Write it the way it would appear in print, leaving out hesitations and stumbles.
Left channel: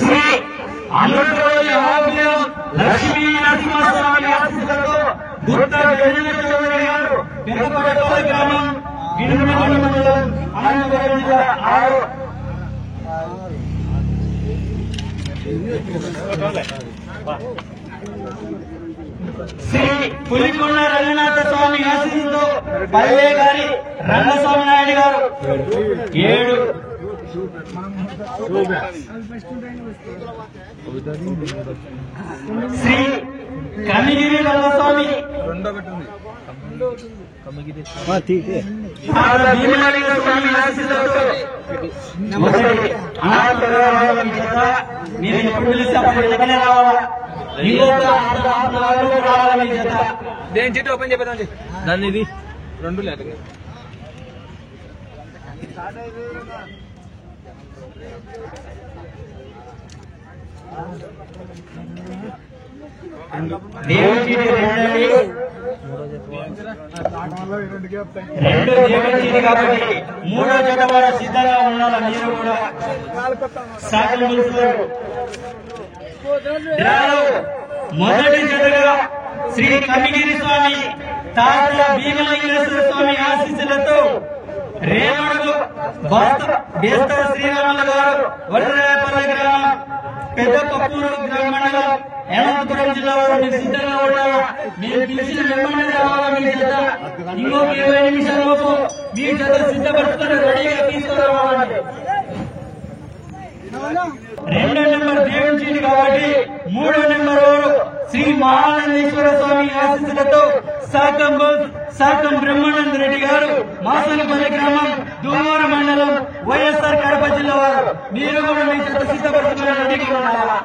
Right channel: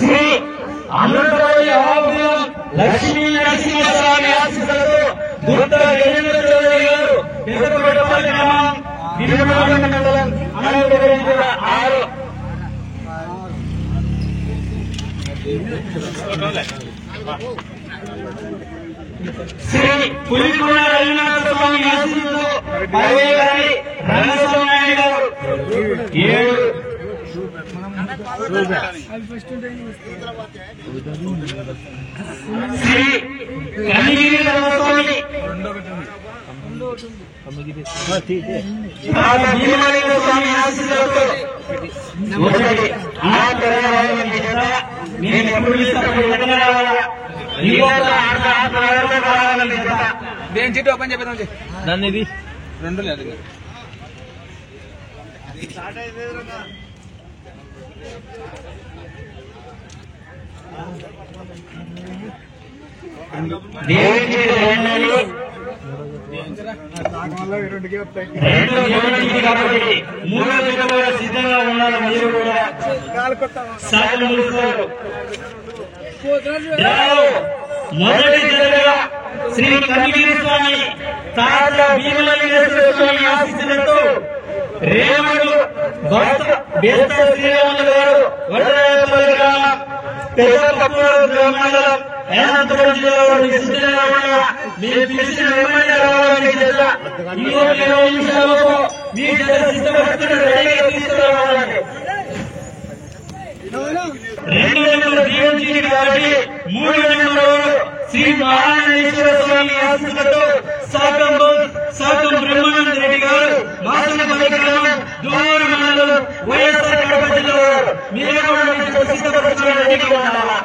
శ్రీ అన్నమయ్య లక్ష్మీ నరసింహస్వామి ఆశీస్సులతో దుర్గ గజేంద్ర చౌదరి గారు పెద్దపడపల్లి గ్రామం భీమవరం మండలం అనంతపురం జిల్లా 6. శ్రీ పులికొండ రఘునాథ స్వామి ఆశీస్సులతో పల్లె గారి రంగస్వామి నాయుడు గారు 7. శ్రీ కనిగిరి రంగస్వామి భీమలింగ స్వామి ఆశీస్సులతో నేను ఎప్పుడు పిలుస్తాను ఎక్కడనే రావాలా దేని చీట్ ఓపెన్ చెప్పేది నన్ను ఇది 2 లేదు. మూడో జత సిద్ధంగా ఉండాలి. మీరు కూడా మొదటి జతగా శ్రీ కనిగిరి స్వామి తాత భీమలింగేశ్వర స్వామి ఆశీస్సులతో రేవడు బేస్త శ్రీరాములు గారు వడ్రాయపల్లి గ్రామం పెద్దపూరు మండలం అనంతపురం జిల్లా సిద్ధంగా ఉండాలా. మీరు పిలిచిన వెంటనే రావాలని జత ఇంకొక 20 నిమిషాలకు మీ జత సిద్ధపడుతున్న రెడీగా తీసుకురావాలండి. 2వ నెంబర్ దీవించింది కాబట్టి 3వ నెంబర్ శ్రీ మహానందేశ్వర స్వామి ఆశీస్సులతో సాకం బ్రహ్మానంద రెడ్డి గారు మాసనపల్లి గ్రామం దూరు మండలం వైఎస్ఆర్ కడప జిల్లా వారు. మీరు కూడా సిద్ధపడుతున్న రెడీగా ఉండాలా.